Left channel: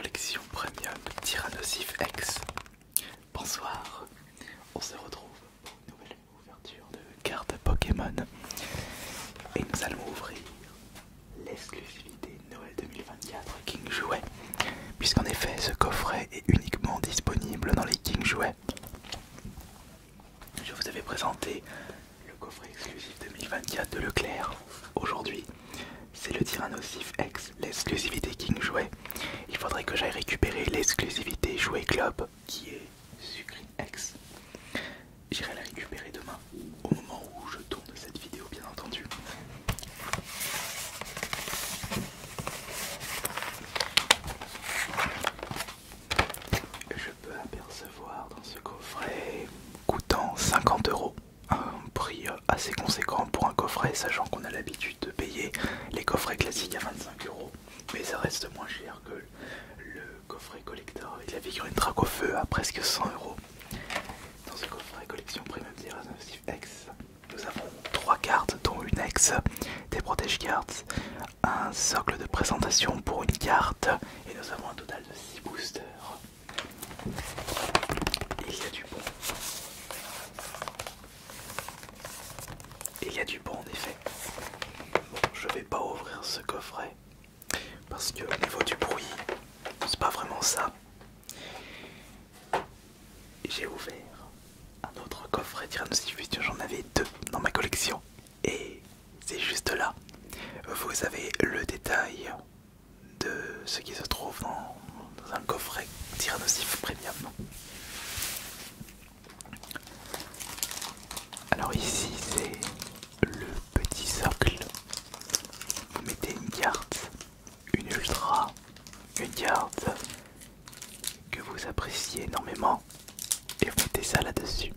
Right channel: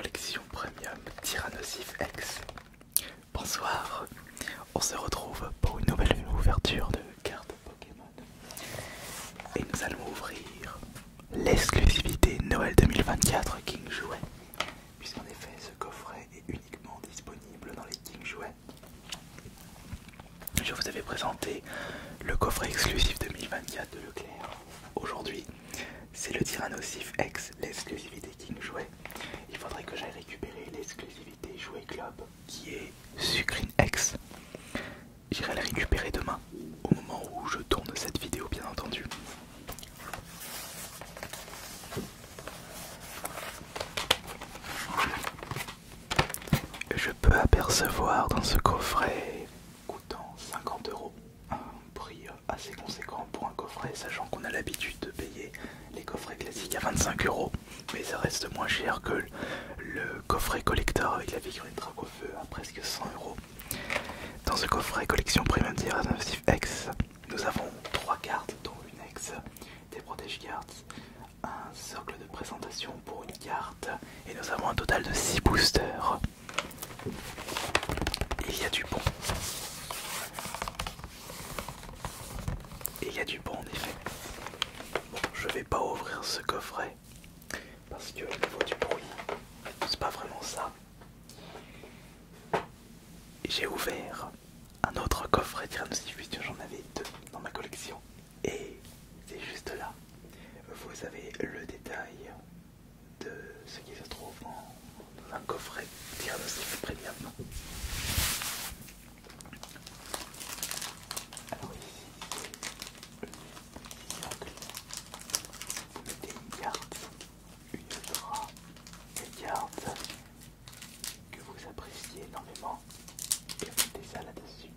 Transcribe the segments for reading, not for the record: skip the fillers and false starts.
collection premium Tyrannosif X. Bonsoir, on se retrouve pour une nouvelle ouverture de cartes Pokémon et nous allons ouvrir l'exclusivité Noël 2024 King Jouet, puisqu'en effet ce coffret est uniquement disponible dans les King Jouets. Je vous avais présenté le coffret exclusif 2024 de Leclerc. Aujourd'hui, c'est le Tyrannosif X, l'exclusivité King Jouet. Il faudrait que j'aille récupérer l'exclusivité Jouet Club qui est Sucrine X. J'irai la récupérer demain, au moment où je tourne cette vidéo bien entendu. Je peux apercevoir dans ce coffret coûtant 50 €, un prix assez conséquent pour un coffret, sachant qu'on a l'habitude de payer les coffrets classiques à 25 €, mais ça reste moins cher que le coffret collector avec la figurine Dracofeu à presque 100 €. Dans ce coffret collection premium Tyrannosif X, nous avons 3 cartes dont une X, des protège cartes, un socle de présentation pour une carte et nous avons un total de 6 boosters. Il y a du bon. Il y a du bon en effet. Bon, je vais pas ouvrir ce coffret parce que au niveau du bruit, c'est pas vraiment ça. J'ai ouvert un autre coffret Tyrannosif, j'en avais 2 dans ma collection et c'est juste là. Vous avez le détail de ce qui se trouve dans un coffret Tyrannosif Premium. Alors ici c'est le petit socle. Vous mettez une carte, une ultra, une carte que vous appréciez énormément et vous mettez ça là-dessus.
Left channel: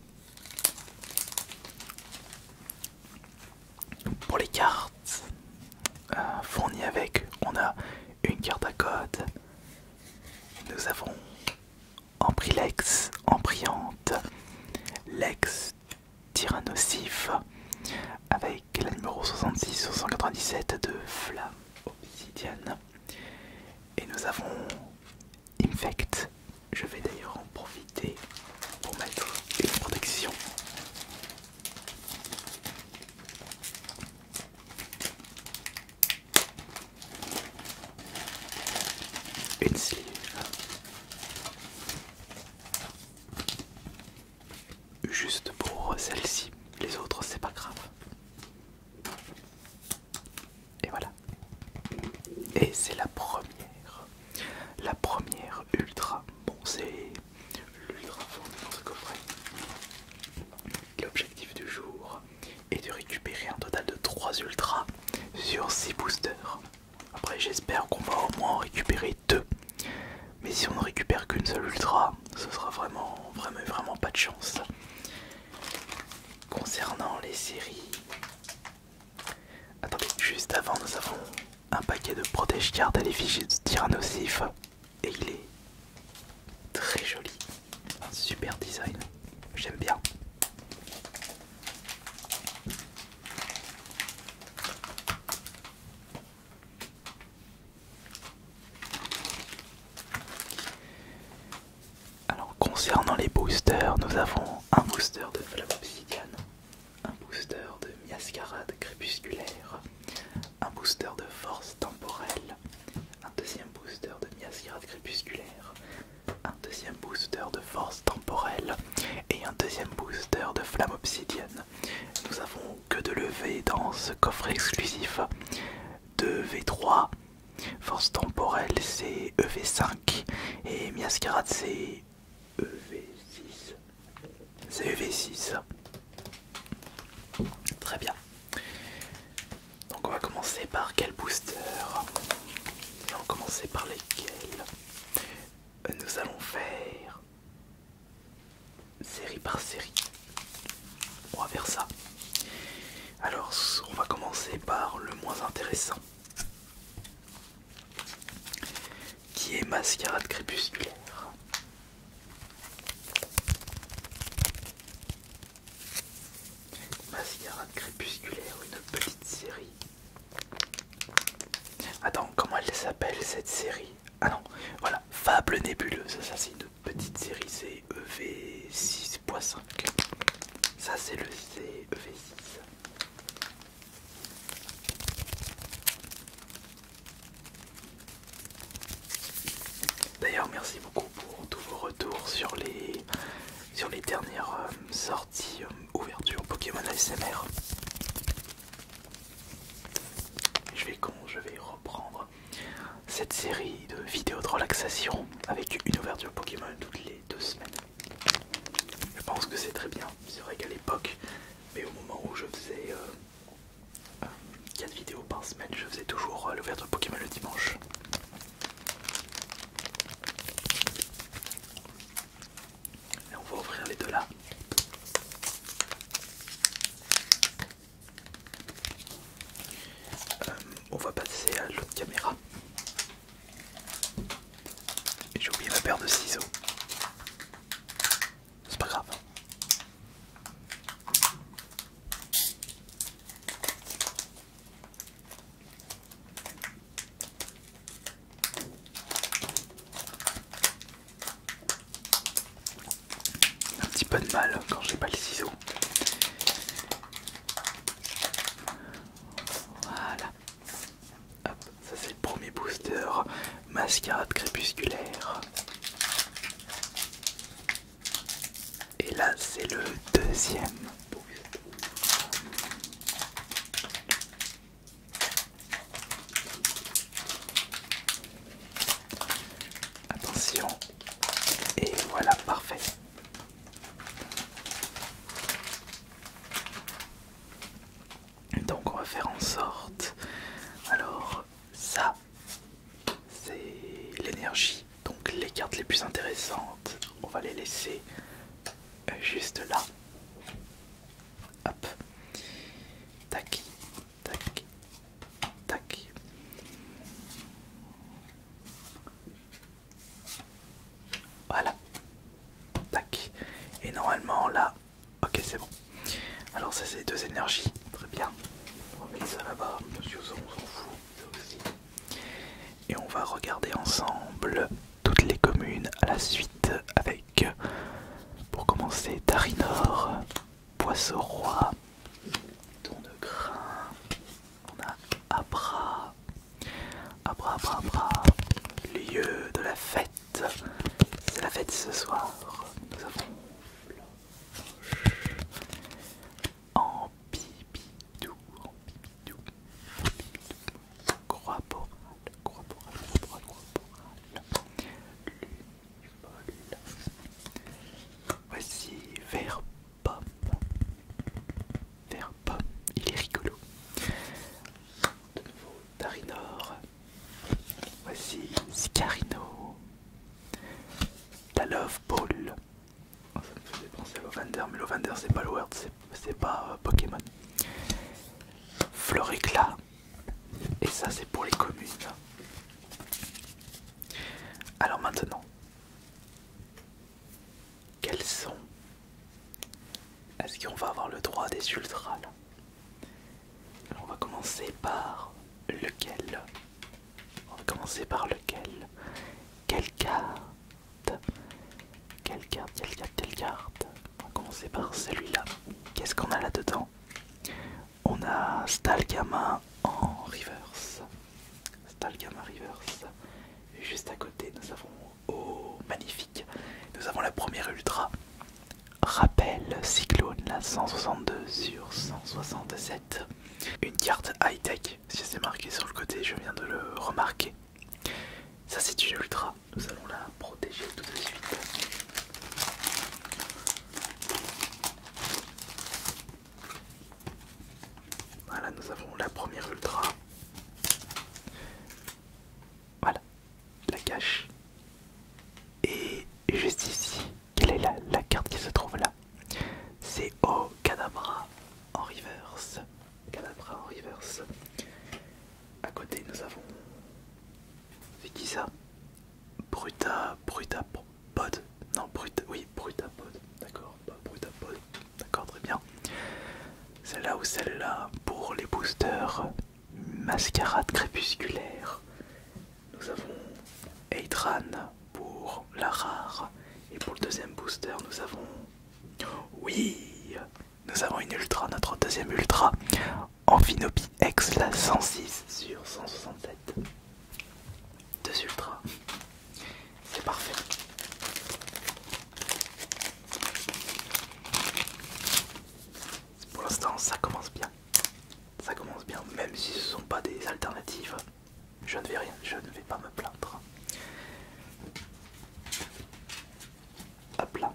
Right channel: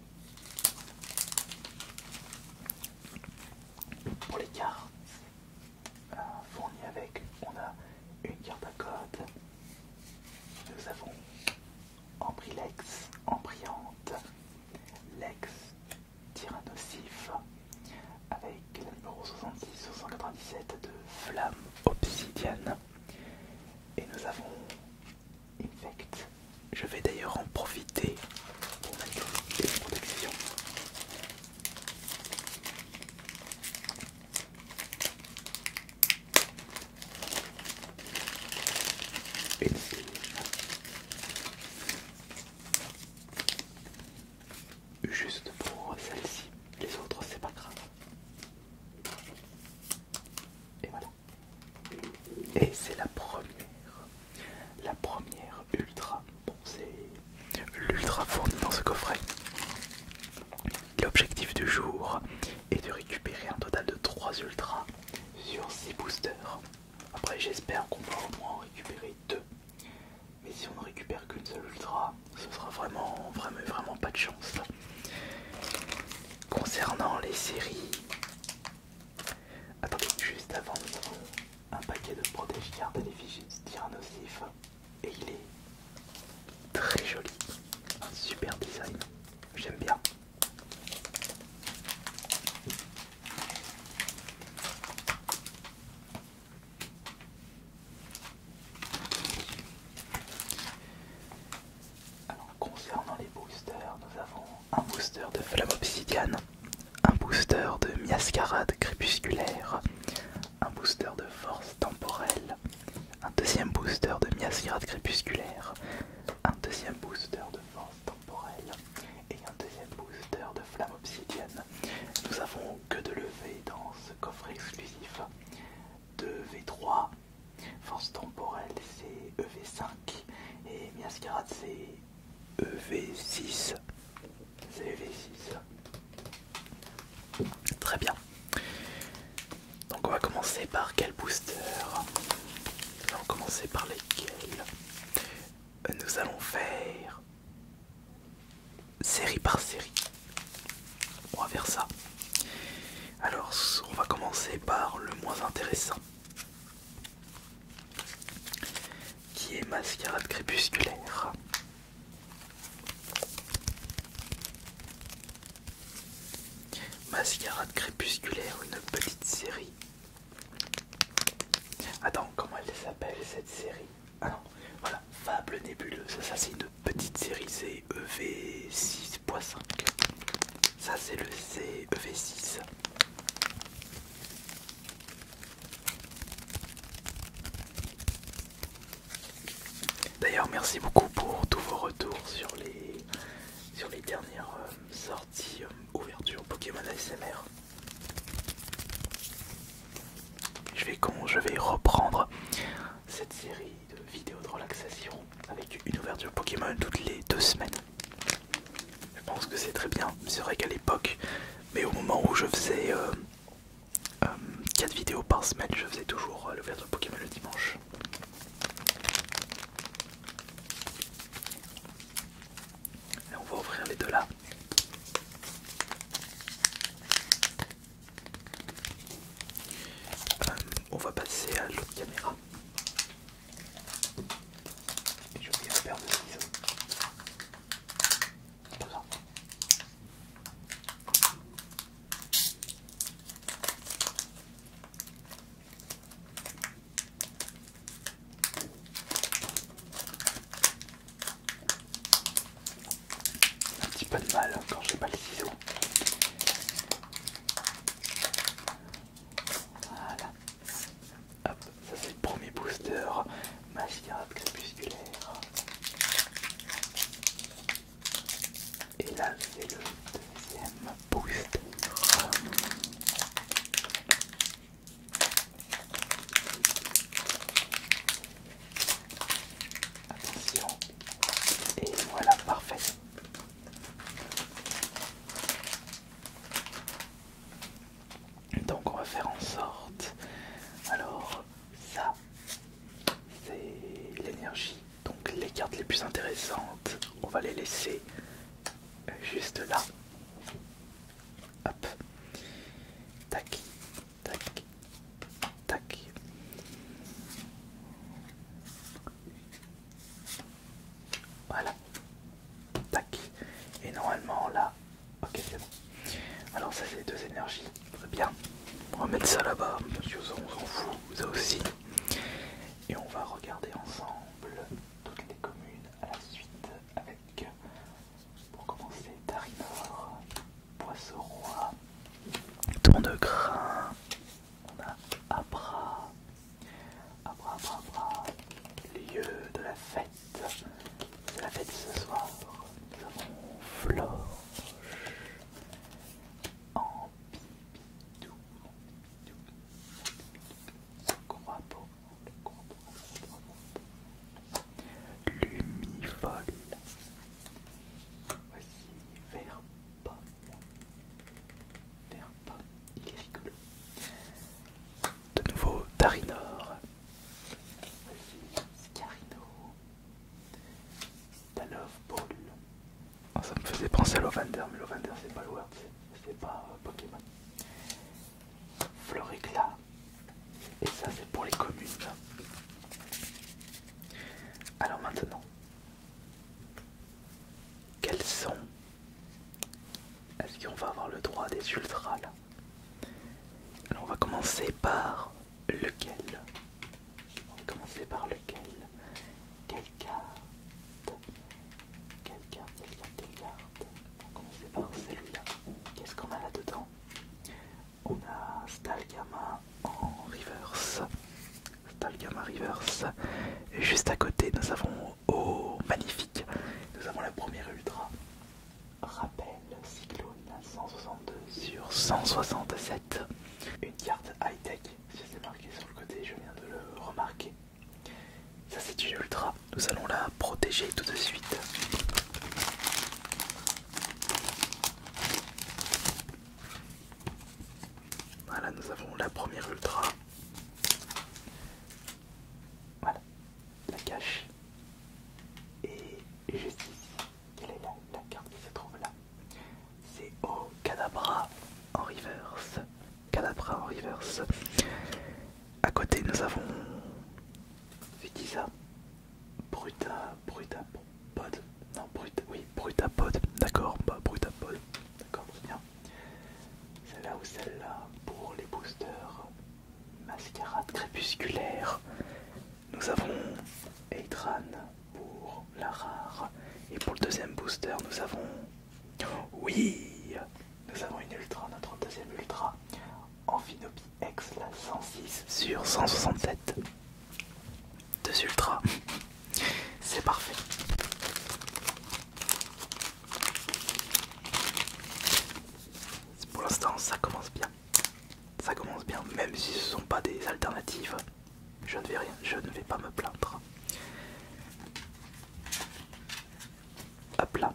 Pour les cartes fournies avec, on a une carte à code. Nous avons Amprilex, Ampriante, Lex Tyrannosif avec la numéro 66 sur 197 de Flamme Obsidienne. Et nous avons Infect. Je vais d'ailleurs en profiter pour mettre une protection. Une sleeve. Juste pour celle-ci, les autres c'est pas grave. Et voilà. Et c'est la première ultra. Bon, c'est l'ultra fournie dans ce coffret. L'objectif du jour est de récupérer un total de 3 ultras sur 6 boosters. Après j'espère qu'on va au moins en récupérer 2. Mais si on ne récupère qu'une seule ultra, ce sera vraiment pas de chance. Concernant les séries, attendez, juste avant nous avons un paquet de protège cartes à l'effigie de Tyrannosif et il est très joli, un super design, j'aime bien. Alors concernant les boosters, nous avons un booster de Flamme Obsidienne, un booster de Miascarade Crépusculaire, un booster de Force Temporelle, un deuxième booster de Miascarade Crépusculaire, un deuxième booster de Force Temporelle et un deuxième booster de Flamme Obsidienne. Nous avons que de l'EV dans ce coffret exclusif. De V3, Force Temporelle c'est EV5 et Miascarade c'est EV6. C'est EV6. Très bien. Donc on va commencer par quel booster? Nous allons commencer par lesquels? Nous allons faire série par série. On va faire ça. Alors on va commencer par le moins intéressant, qui est Mascarade Crépusculaire. Mascarade Crépusculaire, une petite série. Attends, comment elle s'appelle cette série? Ah non, voilà, Fable nébuleuse. Ça c'est une petite série, c'est EV6.5. Ça c'est le CEV6. D'ailleurs, merci beaucoup pour tous vos retours sur les dernières sorties ouverture Pokémon ASMR. Je vais reprendre cette série de vidéos de relaxation avec une ouverture Pokémon toutes les 2 semaines. Je pense que c'est très bien. C'est vrai qu'à l'époque, mais au moment où je faisais 4 vidéos par semaine, je faisais toujours l'ouverture Pokémon le dimanche. Et on va ouvrir les deux là. On va passer à l'autre caméra. Et j'ai oublié ma paire de ciseaux. C'est pas grave. Un petit peu de mal quand j'ai pas le ciseau. Voilà. Hop, ça c'est le premier booster. Mascarade crépusculaire. Et là c'est le deuxième booster. Attention. Et voilà, parfait. Donc on va faire en sorte. Alors ça c'est l'énergie. Donc les cartes les plus intéressantes, on va les laisser juste là. Hop. Tac. Tac. Tac. Voilà. Tac. Et normalement là. Ok, c'est bon. Alors ça c'est 2 énergies. Très bien. On va mettre ça là-bas. Monsieur, on s'en fout. Ça aussi. Et on va regarder ensemble toutes les communes à la suite avec, pour commencer, Darinor, Poisson-Roi, Tournegrain, on a Abra, lieu de la fête, c'est la fête ce soir, nous avons Florche, Ampibidou, Croix-Boral, Lumivol, voici Vert-Pomme, il est rigolo. De nouveau Darinor, voici Scarino, la Love Ball. Oh, ça me faisait penser à Lovander, mais Lovander c'est pas Lowert, c'est pas Pokémon. Floricla, et ça c'est pour les communes. Alors maintenant, quels sont? Est-ce qu'on va avoir le droit des ultras là? Alors on va commencer par lequel? On va commencer par lequel? Quelle carte? Quelle carte? On va commencer par celui-là. Qu'est-ce qu'on a là-dedans? On a Stalgama en reverse. Juste à côté, nous avons, oh magnifique, nous avons la première ultra. Rappel Cyclone, la 162 sur 167. Une carte high-tech, si c'est marqué sur le côté, je viens de le remarquer. Ça c'est une ultra, nous allons la protéger tout de suite. Voilà, nous avons la première ultra. Voilà, la cache. Et juste ici, quelle est la carte qui se trouve là? C'est O Kadabra en reverse. À côté, nous avons. C'est qui ça? Brutapod. Non, Brutapod. D'accord, pas Brutapod. D'accord, très bien. Celle-là ou celle-là pour les boosters. Mascarade crépusculaire. Nous avons nous avons... Oui, nous avons une ultra, notre deuxième ultra. Amphinopie X, la 106 sur 167. Deux ultras. C'est parfait. Pour l'instant, ça commence bien. Ça commence bien, même si ce ne sont pas des alternatives. Je ne vais rien, je ne vais pas me plaindre. Hop là,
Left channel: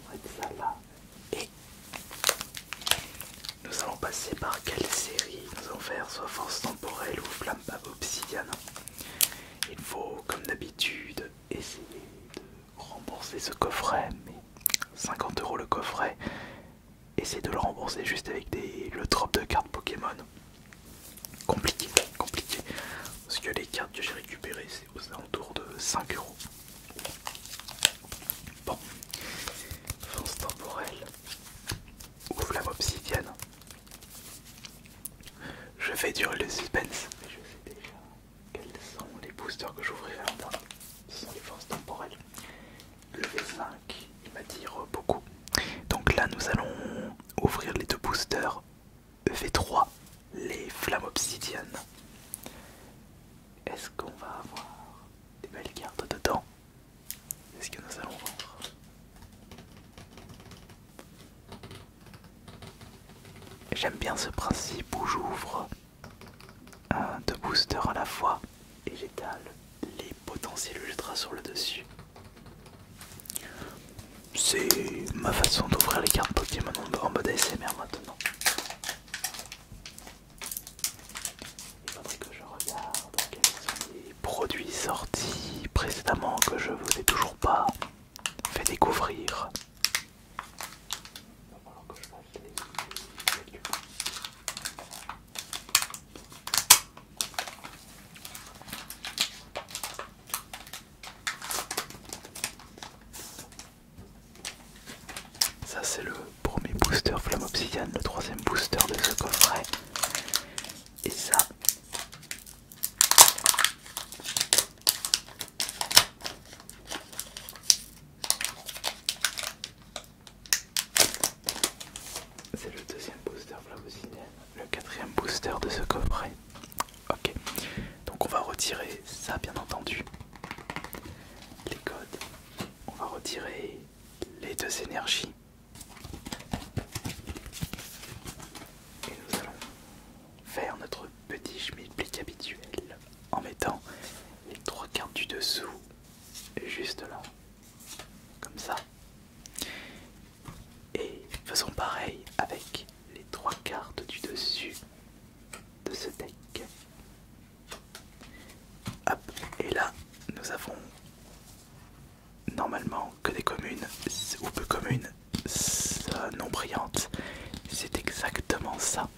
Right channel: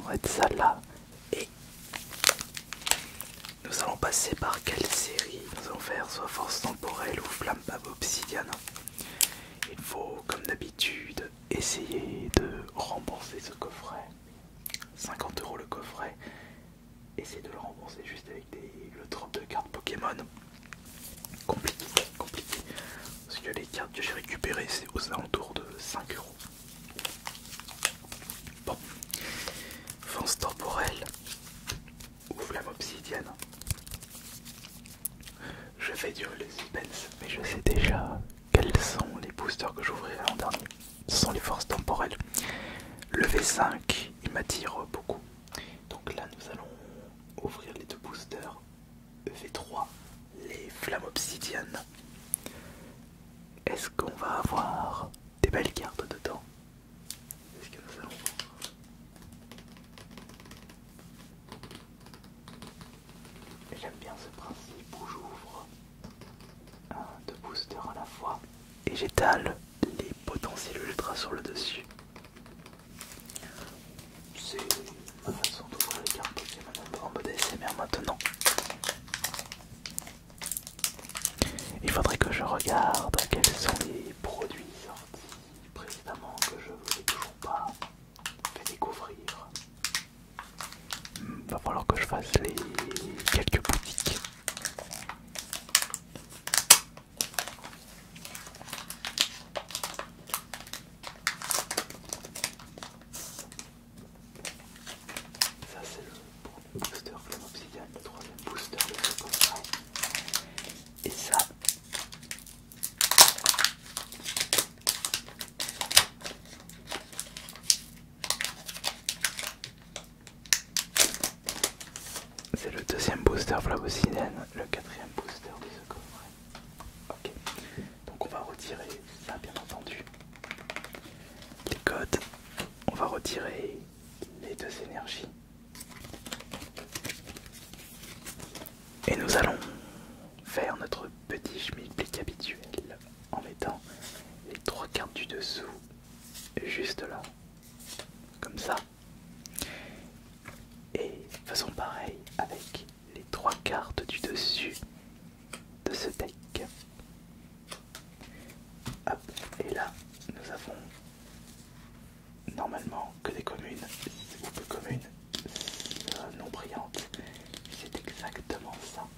on va mettre ça là. Et nous allons passer par quelle série? Nous allons faire soit Force Temporelle ou Flamme Obsidienne. Il faut, comme d'habitude, essayer de rembourser ce coffret. 50 € le coffret. Essayez de le rembourser juste avec le drop de cartes Pokémon. Compliqué, compliqué. Parce que les cartes que j'ai récupérées, c'est aux alentours de 5 €. Bon. Force temporelle ou Flamme Obsidienne. Je fais durer le suspense, mais je sais déjà quels sont les boosters que j'ouvrirai en dernier. Ce sont les forces temporelles. Le V5, il m'attire beaucoup. Donc là, nous allons ouvrir les deux boosters V3, les flammes obsidiennes. Est-ce qu'on va avoir des belles cartes dedans? Est-ce que nous allons voir? J'aime bien ce principe où j'ouvre deux boosters à la fois et j'étale les potentiels ultras sur le dessus. C'est ma façon d'ouvrir les cartes Pokémon en mode ASMR maintenant. Il faudrait que je regarde quels sont les produits sortis précédemment que je vous ai toujours pas fait découvrir. Va falloir que je fasse les quelques boutiques. Ça c'est le premier booster Flamme Obsidienne, le troisième booster de ce coffret. Et ça, c'est le deuxième booster Flamme Obsidienne, le quatrième booster de ce coffret. Ok, donc on va retirer ça bien entendu. Les codes, on va retirer les deux énergies. Et nous allons faire notre petit schmilblick habituel en mettant les trois cartes du dessous juste là, comme ça. Et faisons pareil avec les trois cartes du dessus de ce deck. Hop, et là nous avons normalement que des communes ou peu communes non brillantes. C'est exactement ça.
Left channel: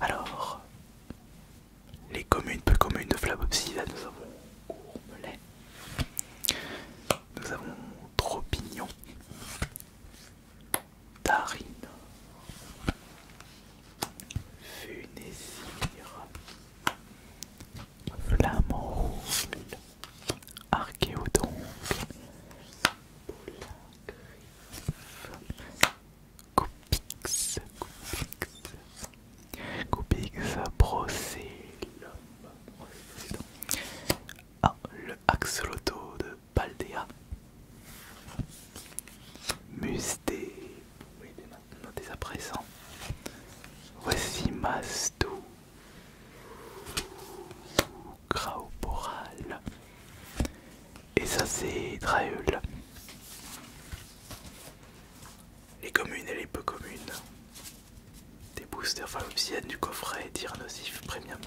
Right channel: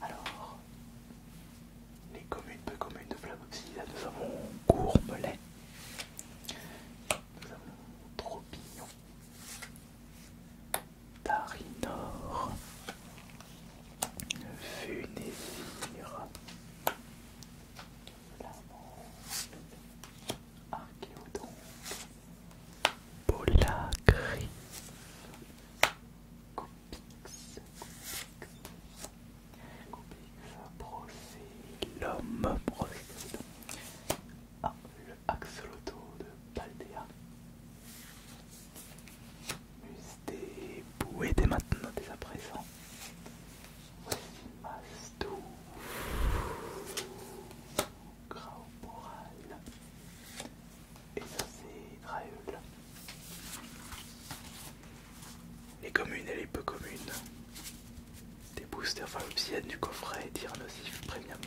Alors, les communes, peu communes de Flamme Obsidienne, nous avons Gourmelet, nous avons Tropignon, Tarinor, Funésir, Flamanrouge, Archéodonte, Polagriffe, Coupix, Brocellum, le Axolotl de Paldea, Musté, Boué dès maintenant, dès à présent. Voici Mastou, Grauboral, et ça c'est Draeul. Les communes et les peu communes. Des boosters Flamme Obsidienne du coffret Tyrannosif Premium.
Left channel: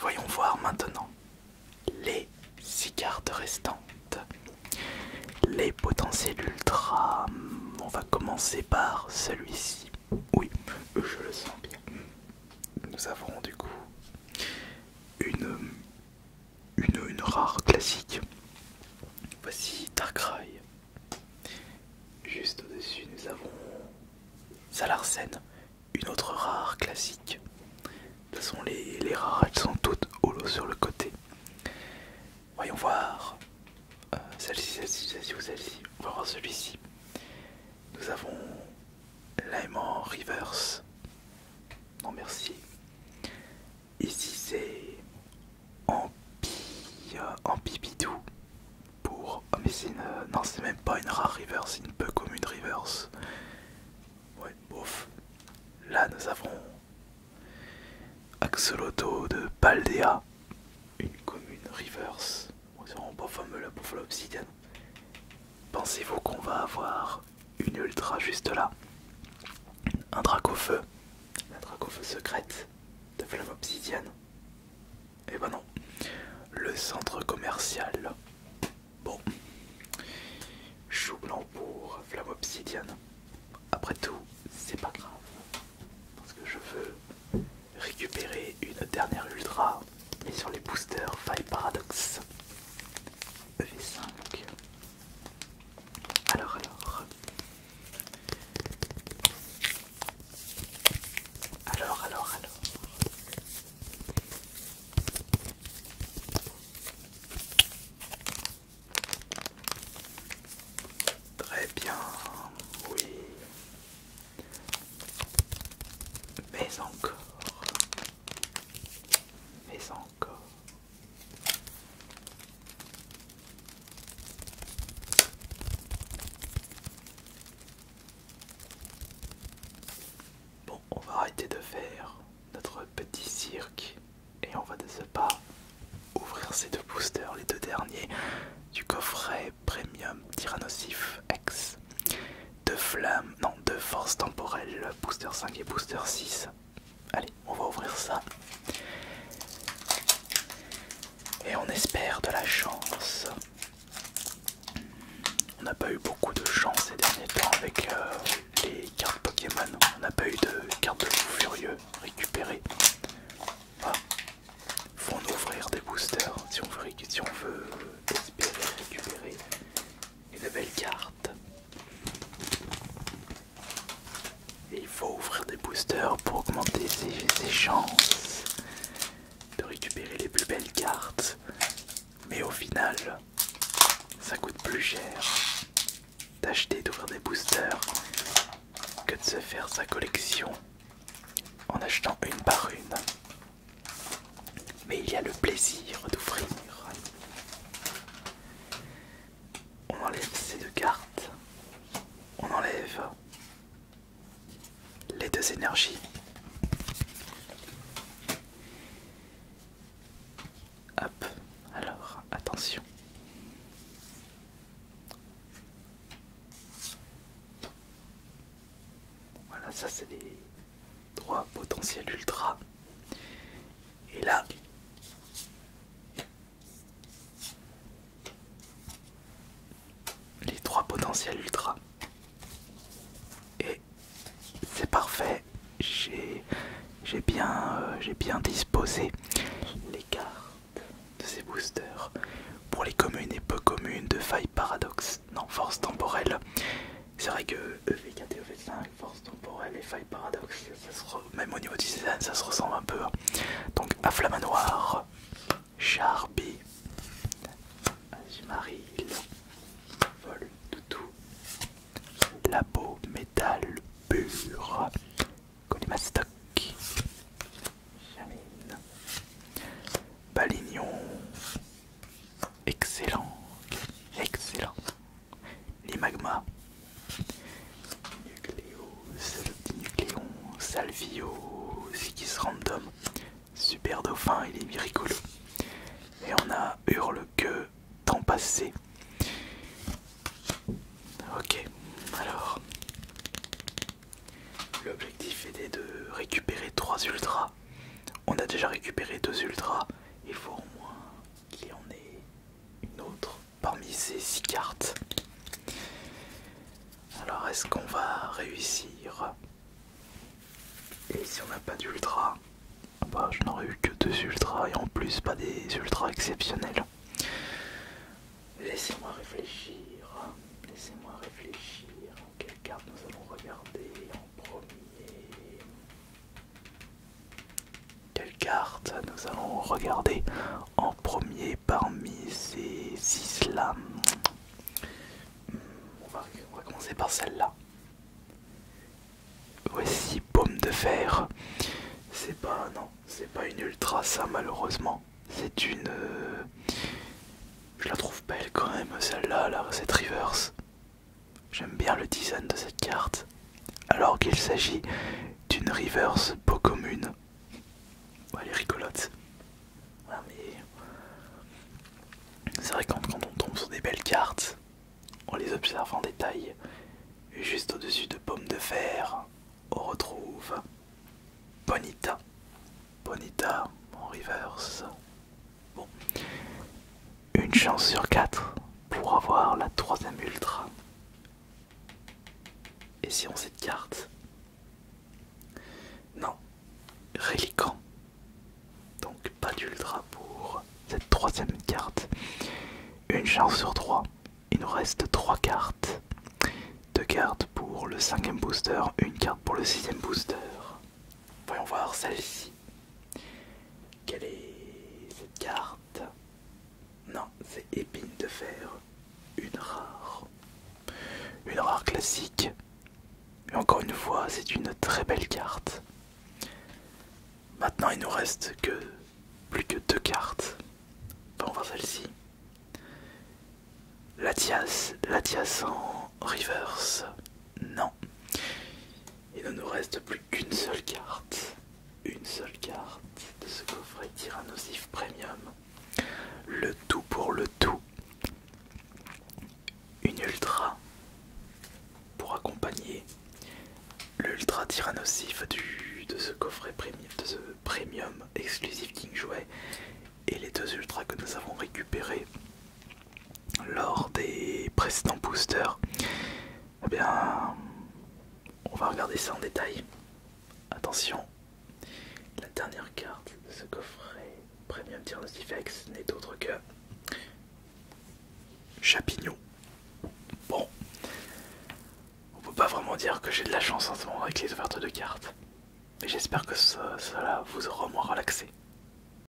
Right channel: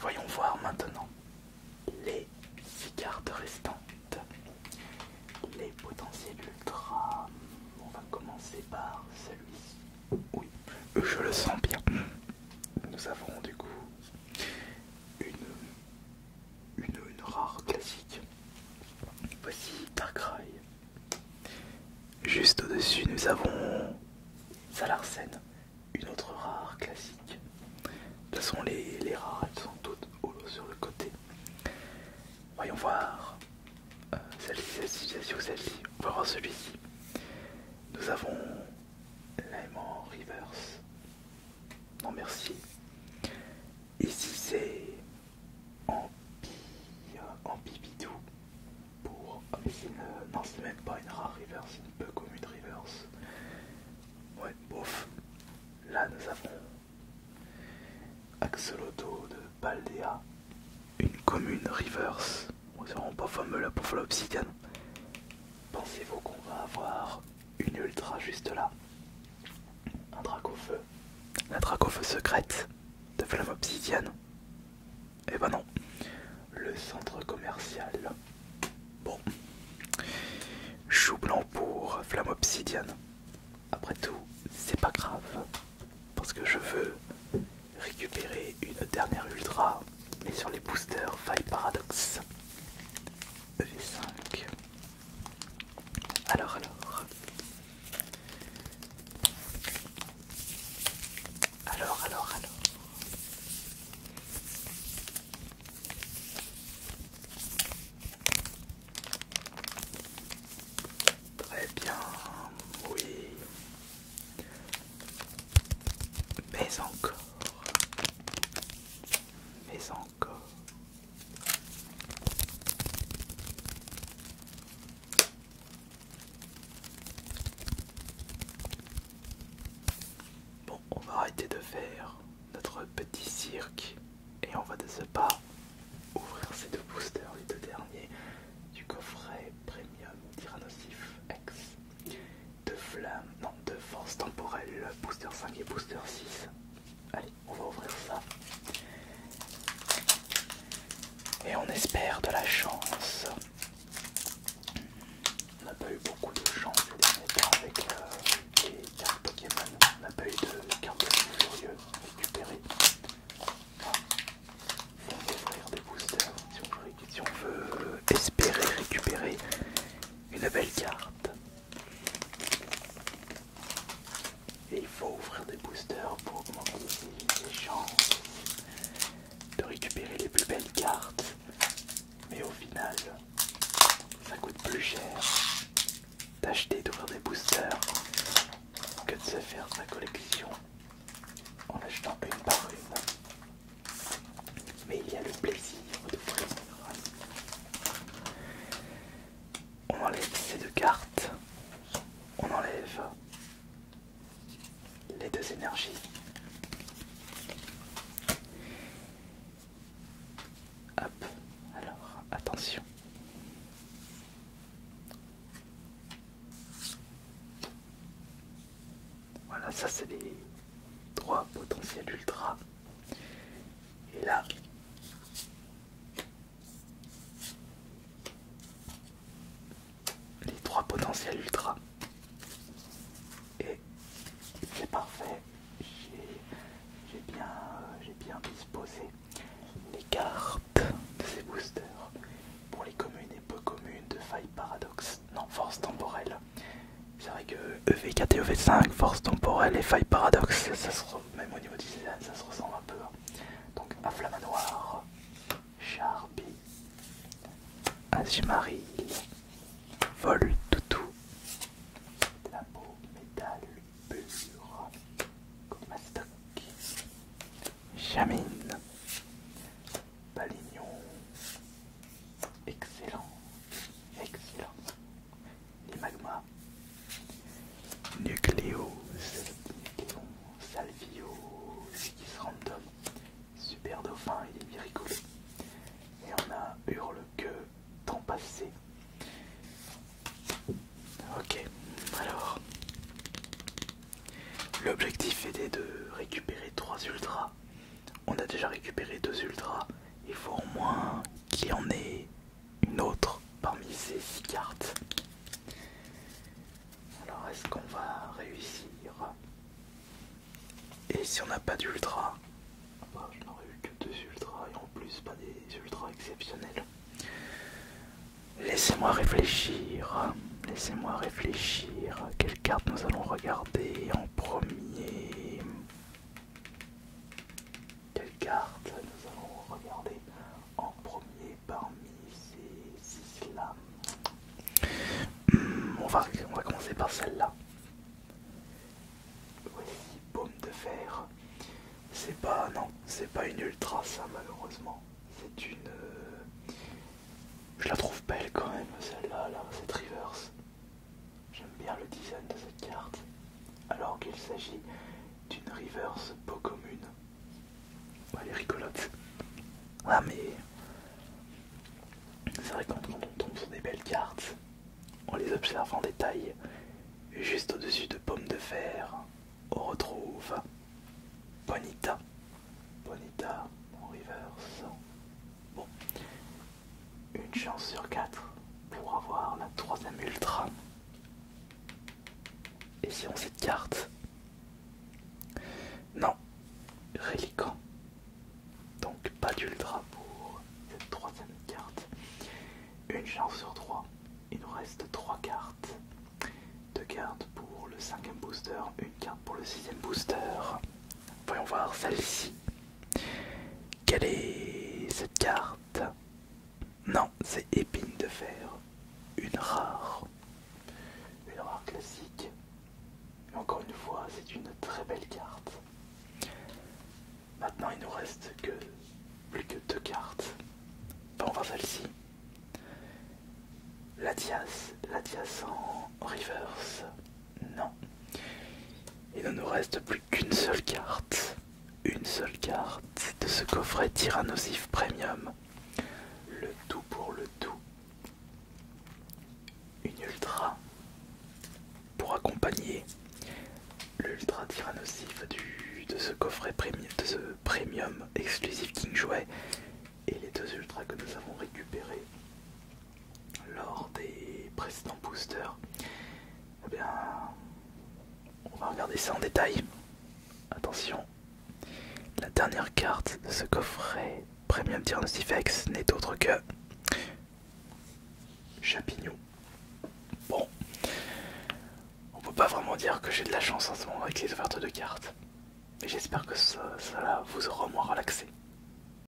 Voyons voir maintenant les 6 cartes restantes. Les potentiels ultra. On va commencer par celui-ci. Oui, je le sens bien. Nous avons du coup une rare classique. Voici Darkrai. Juste au-dessus, nous avons Salarsen, une autre rare classique. Quelles sont les rares? Elles sont toutes holo sur le côté. Voyons voir celle-ci ou celle-ci. On va voir celui-ci. Nous avons l'aimant reverse. Non merci. Ici c'est Ampibidou pour... Oh mais c'est une... Non c'est même pas une rare reverse, c'est une peu commune reverse. Ouais, bof. Là nous avons Axolotl de Paldea, une commune reverse. Bon, c'est vraiment pas fameux là pour l'obsidienne. Pensez-vous qu'on va avoir une ultra juste là? Un Dracofeu, la Dracofeu secrète de Flamme Obsidienne? Eh ben non. Le centre commercial. Bon. Chou blanc pour Flamme Obsidienne. Après tout, c'est pas grave. Parce que je veux récupérer une dernière ultra. Mais sur les boosters Faille Paradox. EV5. Alors. Très bien, oui. Mais encore. Bon, on va arrêter de faire notre petit cirque et on va de ce pas ouvrir ces deux boosters, les deux derniers du coffret Premium Tyrannosif X de flamme, non, de force temporelle, booster 5 et booster 6. Allez, on va ouvrir ça. Et on espère de la chance. On n'a pas eu beaucoup de chance ces derniers temps avec les cartes Pokémon. On n'a pas eu de cartes de fou furieux récupérées. Voilà. Faut en ouvrir des boosters si on veut espérer récupérer une belle carte. Et il faut ouvrir des boosters pour augmenter ses chances de récupérer les plus belles cartes. Mais au final, ça coûte plus cher d'acheter, d'ouvrir des boosters que de se faire sa collection en achetant une par une. Mais il y a le plaisir d'ouvrir. On enlève ces deux cartes. On enlève les deux énergies. Hop, alors attention. Voilà, ça c'est les 3 potentiels ultra. Et là, les 3 potentiels ultra. Et c'est parfait. J'ai bien disposé les cartes de ces boosters pour les communes et peu communes de Faille Paradox. Non, force temporelle. C'est vrai que EV4 et EV5, force temporelle et Faille Paradox, même au niveau du design, ça se ressemble un peu. Donc Afflamanoir, Charby, Azumarill, Voltoutou, Labo Métal Pur, Colimastoc, Chamine, Balignon, excellent, Limagma, Nucléo, Salvio, Zigis Random, Super Dauphin, il est miraculeux. Et on a Hurle-Queue, temps passé. Ok, alors l'objectif était de récupérer 3 ultras. On a déjà récupéré 2 ultras. Il faut au moins qu'il y en ait une autre parmi ces 6 cartes. Alors est-ce qu'on va réussir? Et si on n'a pas d'ultra, bah, je n'aurais eu que 2 ultras et en plus pas des ultras exceptionnels. Laissez-moi réfléchir. Quelle carte nous allons regarder en premier? Parmi ces 6 là? on va commencer par celle-là. Voici Paume de Fer. Non, c'est pas une ultra ça malheureusement. C'est une... je la trouve belle quand même celle-là, cette reverse. J'aime bien le design de cette carte. Alors qu'il s'agit d'une reverse peu commune. Ouais, elle est rigolote. Ah mais... c'est vrai quand on tombe sur des belles cartes, on les observe en détail. Et juste au-dessus de Paume de Fer, on retrouve Bonita. Bonita en reverse. Bon. Une chance sur 4 pour avoir la 3ème ultra. Et si on cette carte? Non. Reliquant. Donc pas d'ultra pour cette 3ème carte. Une chance sur 3. Il nous reste 3 cartes. 2 cartes pour le 5ème booster, une carte pour le 6ème booster. Voyons voir celle-ci. Quelle est cette carte? Non, c'est Épine de Fer. Une rare. Une rare classique. Et encore une fois, c'est une très belle carte. Maintenant, il nous reste plus que 2 cartes. Voyons voir celle-ci. Latias en reverse. Non. Il ne nous reste plus qu'une seule carte. Une seule carte de ce coffret Tyrannosif Premium. Le tout pour le tout. Une ultra pour accompagner l'ultra Tyrannosif de ce coffret premium exclusif King Jouet et les 2 ultras que nous avons récupérés lors des précédents boosters. Eh bien, on va regarder ça en détail. Attention, la dernière carte de ce coffret Premium Tyrannosif X n'est autre que Chapignon. Bon, on peut pas vraiment dire que j'ai de la chance en ce moment avec les ouvertures de cartes, mais j'espère que cela vous aura moins relaxé.